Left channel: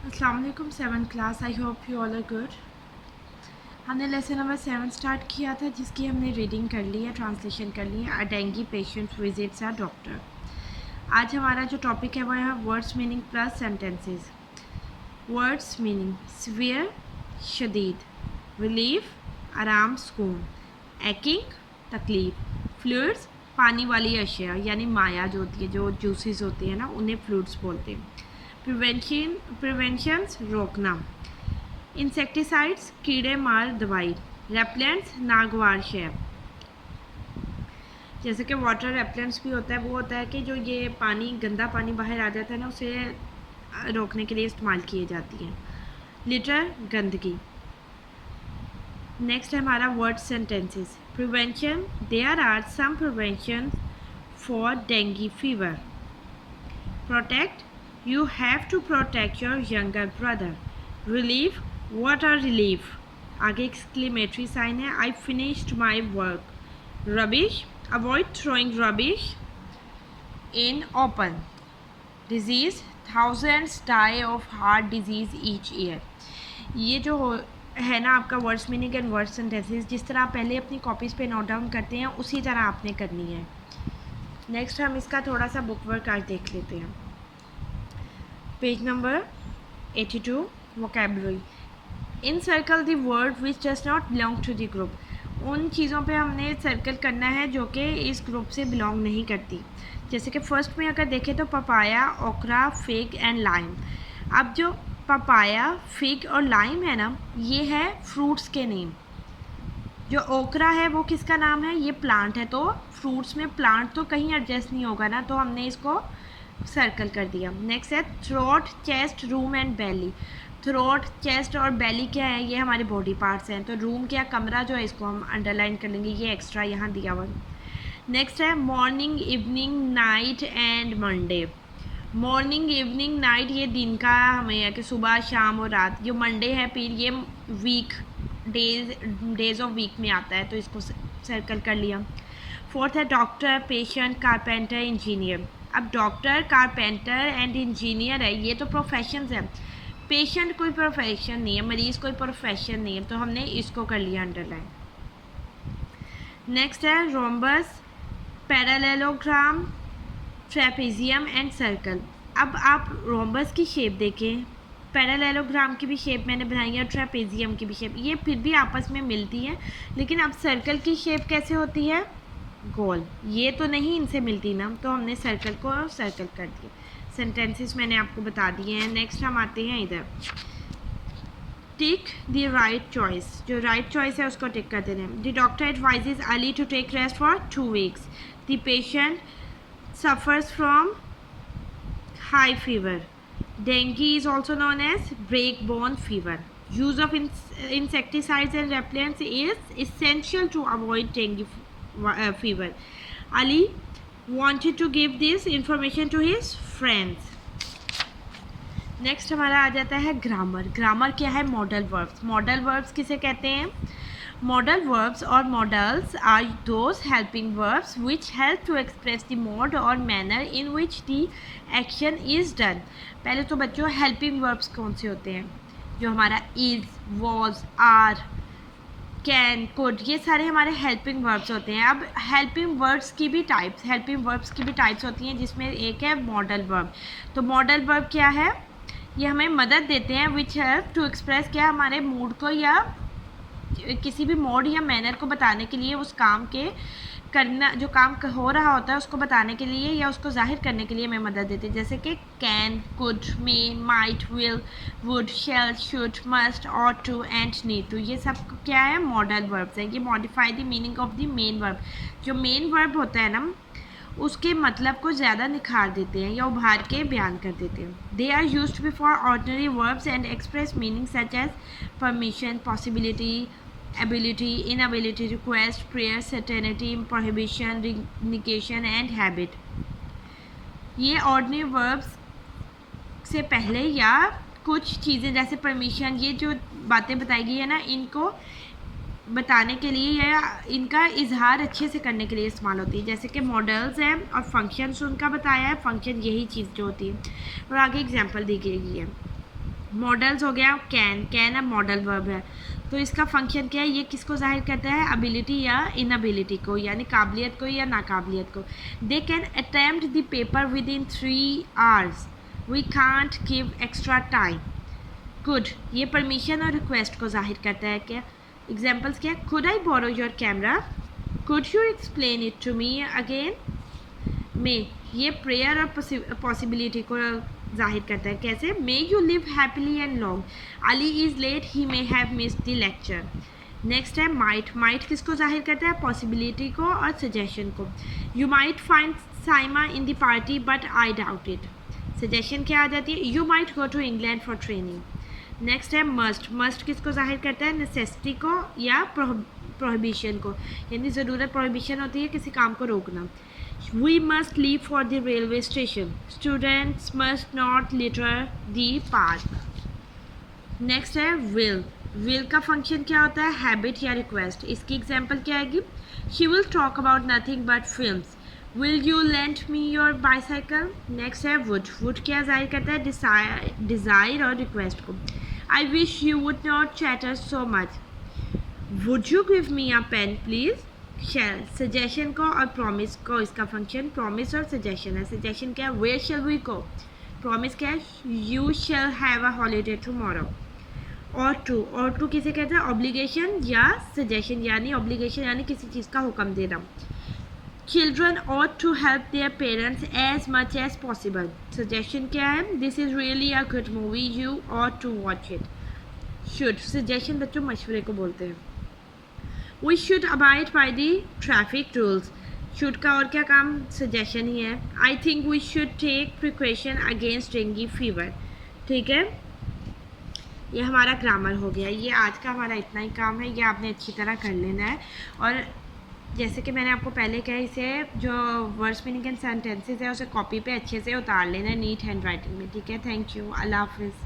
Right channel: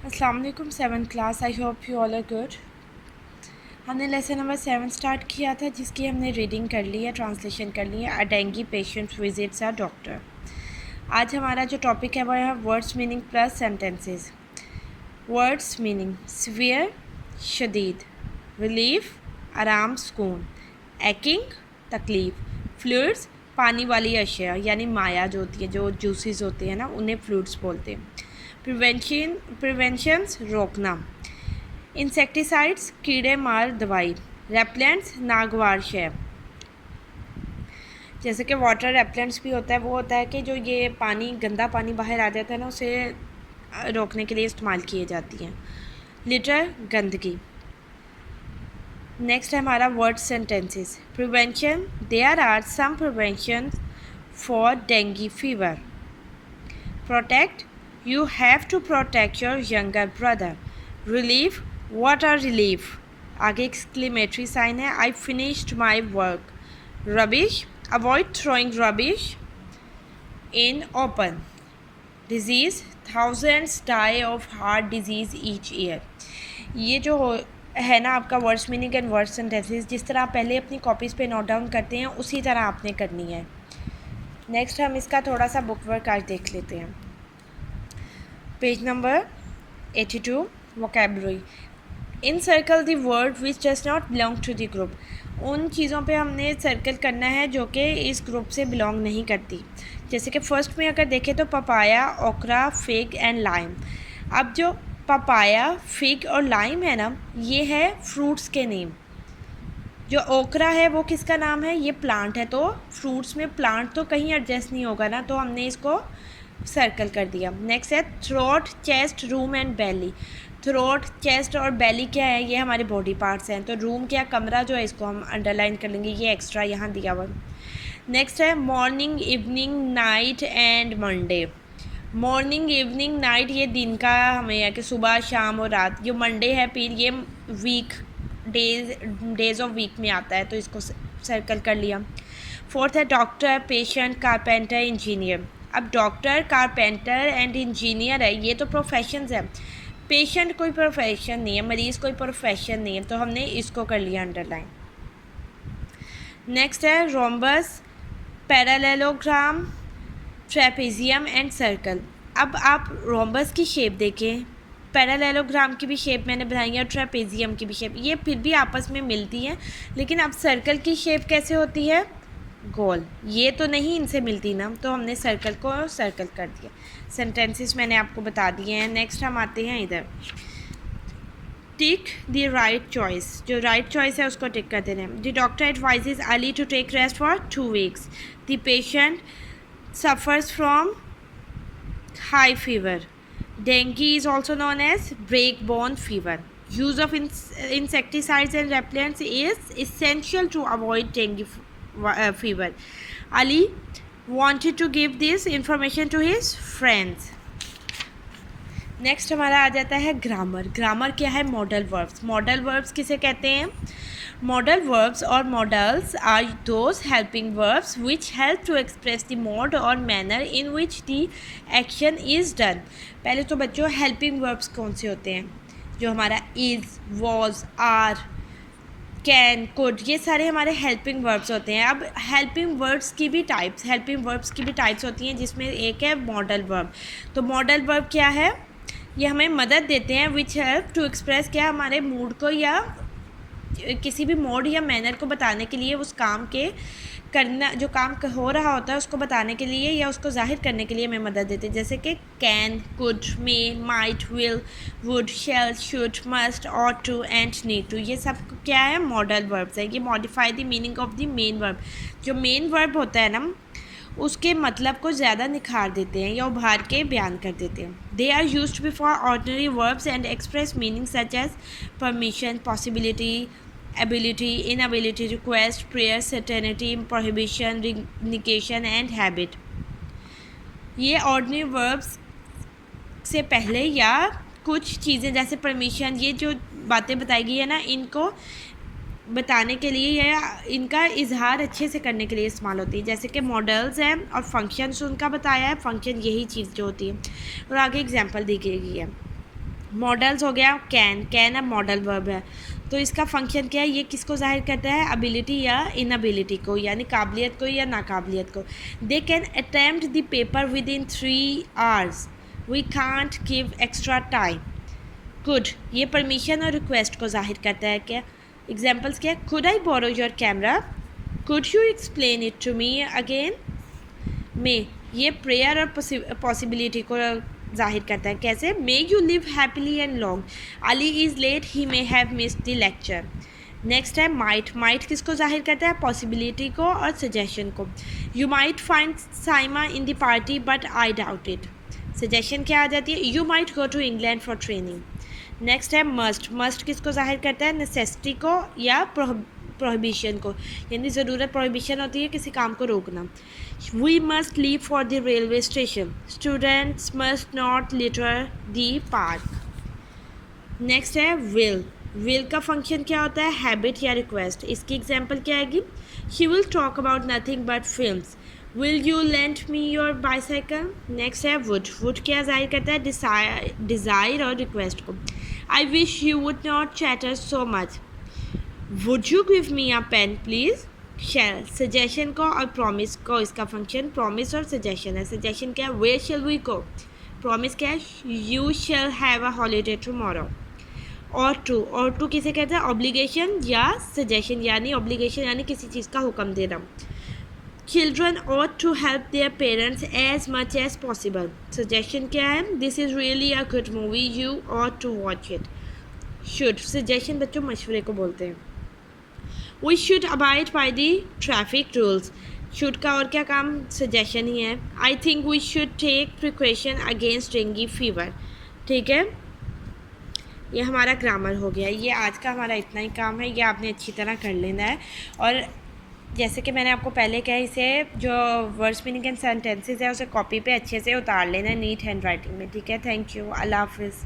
अस्सलाम वालेकुम 7th class. I hope you all are good. हमने लेसन नंबर 7 स्टार्ट किया था जिसकी हमने रीडिंग कर ली है, ट्रांसलेशन कर ली है। A dengue patient visits a doctor. आज हमारा जो टॉपिक है वो है words meaning plus sentences. Words meaning: severe शदीद, रिलीफ आराम सुकून, एकिंग तकलीफ़, फ्लूइड्स पानी वाली अशिया यानी माया जो होती है, जो जूसेस होते हैं ना, उन्हें फ्लूइड्स बोलते हैं। प्रिवेंशंस रोकना, इंसेक्टिसाइड्स कीड़े मार दवाई, रेपलेंट्स नागवार शय। जैसे कि वाटर रेपलेंट्स भी होता है, वो होता है कि जो ये पानी गंदा पानी बाहर आ जाता है ना, उसे रोकने के लिए इस्तेमाल किए जाती हैं। लिटर गंदगी। नेक्स्ट है हमारा word sentences. Prevention: there are some prevention for dengue fever. Protect: you have to protect your younger brother. Relief: what a relief. आगे exclamatory sign है, I finished my work. Rubbish: avoid throwing rubbish in open. Disease: thousands die of heart disease each year. ये जो है ना आपका words meaning and word sentences, जिस तरह आप पहले अपनी कॉपीज़ पे नोट डाउन करते हैं उसी तरह आपने करनी है। नेक्स्ट हम इसका थोड़ा सा बुक वर्क आज देख लेते हैं। Page number 82, vocabulary. Encircle the word which does not belong to the group. उन चीज़ों पे हमने सर्कल करना है जो कि इस ग्रुप से बिलोंग नहीं करती। जैसे कि फर्स्ट में अगर देखें तो पपाया, ओकरा, फिग एंड लाइम। अब जो पपाया, फिग और लाइम है ना, ये है फ्रूट्स के नेम। जो ओकरा है वो किसका नाम है? ये प्लांट है। तो फ्रूट्स में प्लांट तो कहीं एडजस्ट नहीं होगा ना, तो हमने इसको सर्कल कर दिया। नेक्स्ट है throat, chest, room and belly. Throat, chest और बेली क्या है? ये हमारे बॉडी पार्ट्स हैं। तो रूम क्या, कमरा जो है, इसको हम अंडरलाइन कर लेंगे, ये एक्स्ट्रा यहाँ दिया हुआ। नेक्स्ट है morning, evening, night and Monday. Morning, evening, night ये दिन का हमें है कि सुबह, शाम और रात। जो मंडे है फिर ये वीक, डेज ऑफ वीक में आता है, तो इसको सर्कल कर लिया। फोर्थ है डॉक्टर, पेशेंट, कारपेंटर, इंजीनियर। अब डॉक्टर, कारपेंटर एंड इंजीनियर है, ये तो प्रोफेशंस है। पेशेंट कोई प्रोफेशन नहीं है, मरीज़ कोई प्रोफेशन नहीं है, तो हमने इसको कर लिया अंडरलाइन। नेक्स्ट है rhombus, parallelogram, trapezium and circle. अब आप रोम्बस की शेप देखें, पैरेललोग्राम की भी शेप मैंने बनाई है और ट्रेपेजियम की भी शेप, ये फिर भी आपस में मिलती हैं। लेकिन अब सर्कल की शेप कैसे होती है? गोल। ये तो नहीं इनसे मिलती ना, तो हमने सर्कल को सर्कल कर दिया। सेंटेंसेस मैंने आपको बता दिए हैं। नेक्स्ट हम आते हैं इधर, टिक द राइट चॉइस। जो राइट चॉइस है उसको टिक कर देना है। The doctor advises Ali to take rest for 2 weeks. The patient suffers from high fever. Dengue is also known as break-bone fever. Use of insecticides and repellents is essential to avoid dengue fever. Ali wanted to give this information to his friends. Next हमारा आ जाता है grammar. Grammar क्या है? Modal verbs. Modal verbs किसे कहते हैं? Modal verbs और modals are those helping verbs which help to express the mode और manner in which the action is done. पहले तो बच्चों हेल्पिंग वर्ब्स कौन से होते हैं? जो हमारा is, was, are, can, could, ये सारे हमारे हेल्पिंग वर्ब्स होते हैं। अब हेल्पिंग वर्ब्स की भी टाइप्स होती हैं, जिसमें एक है मॉडल वर्ब। तो मॉडल वर्ब क्या है? ये हमें मदद देते हैं, विच हेल्प टू एक्सप्रेस, क्या, हमारे मूड को या किसी भी मोड या मैनर को बताने के लिए, उस काम के करना, जो काम हो रहा होता है उसको बताने के लिए या उसको जाहिर करने के लिए हमें मदद देते हैं। जैसे कि can, could, may, might, will, would, shall, should, must, ought to and need to, ये सब क्या है? मॉडल वर्ब्स है। ये modify the meaning of the main verb. जो मेन वर्ब होता है ना, उसके मतलब को ज़्यादा निखार देते हैं या उभार के बयान कर देते हैं। They are used before ordinary verbs and express meaning such as permission, possibility, ability, inability, request, prayer, certainty, prohibition, negation and habit. ये ऑर्डिनरी वर्ब्स से पहले या कुछ चीज़ें जैसे परमिशन, ये जो बातें बताई गई है ना, इनको बताने के लिए या इनका इजहार अच्छे से करने के लिए इस्तेमाल होती है। जैसे कि मॉडल्स हैं और फंक्शंस उनका बताया है। फंक्शन यही चीज़ जो होती है, और आगे एग्जांपल दी गई है। मॉडल्स हो गया कैन अब मॉडल वर्ब है, तो इसका फंक्शन क्या है, ये किसको जाहिर करता है, एबिलिटी या इनएबिलिटी को, यानी काबिलियत को या नाकाबिलियत को। They can attempt the paper within 3 hours, we can't give extra time. Could ये परमिशन और रिक्वेस्ट को जाहिर करता है। क्या एग्जाम्पल्स क्या है, could I borrow your camera, could you explain it to me again. May ये प्रेयर और पॉसिबिलिटी को जाहिर करता है। कैसे, may you live happily and long, Ali is late, he may have missed the lecture. Next है माइट किसको जाहिर करता है, पॉसिबिलिटी को और सजेशन को। You might find Saima in the party but I doubt it, suggestion क्या आ जाती है, you might go to England for training. Next है मस्ट किसको जाहिर करता है, नेसेसिटी को या प्रोहिबिशन को, यानी ज़रूरत प्रोहिबिशन होती है किसी काम को रोकना। We must leave for the railway station. Students must not litter the park. Next है विल का फंक्शन क्या होता है, हैबिट या रिक्वेस्ट। इसकी एग्जांपल क्या आएगी, He will talk about nothing but films. Will you lend me your bicycle? Next है वुड क्या जाहिर करता है, डिज़ायर और रिक्वेस्ट को। I wish you would not chatter so much. Would you give me a pen please? Shall suggestion को और promise को, इसका फंक्शन प्रॉमिस और सजेशन है। सजेशन क्या है, where shall we go, promise क्या है, you shall have a holiday tomorrow. और टू किसे कहते हैं, ऑब्लिगेशन या सजेशन, यानी ऑब्लिगेशन यानी किसी चीज़ का हुक्म देना। Children ought to help their parents as much as possible, suggestion क्या है, this is really a good movie, you ought to watch it। Should suggestion बच्चों मशवरे को बोलते हैं। We should abide by the traffic rules. Should का और क्या काम, सजेशन ही है। I think we should take precaution against dengue fever. ठीक है, ये हमारा ग्रामर हो गया। ये आज का हमारा इतना ही काम है, ये आपने अच्छी तरह कर लेना है। और जैसे कि मैंने आपको पहले कहा, इसे जो वर्ड्स मीनिंग एंड सेंटेंसेस है उसे कॉपी पे अच्छे से उतार लेना है नीट हैंड राइटिंग में। ठीक है, थैंक यू, अल्लाह हाफिज़।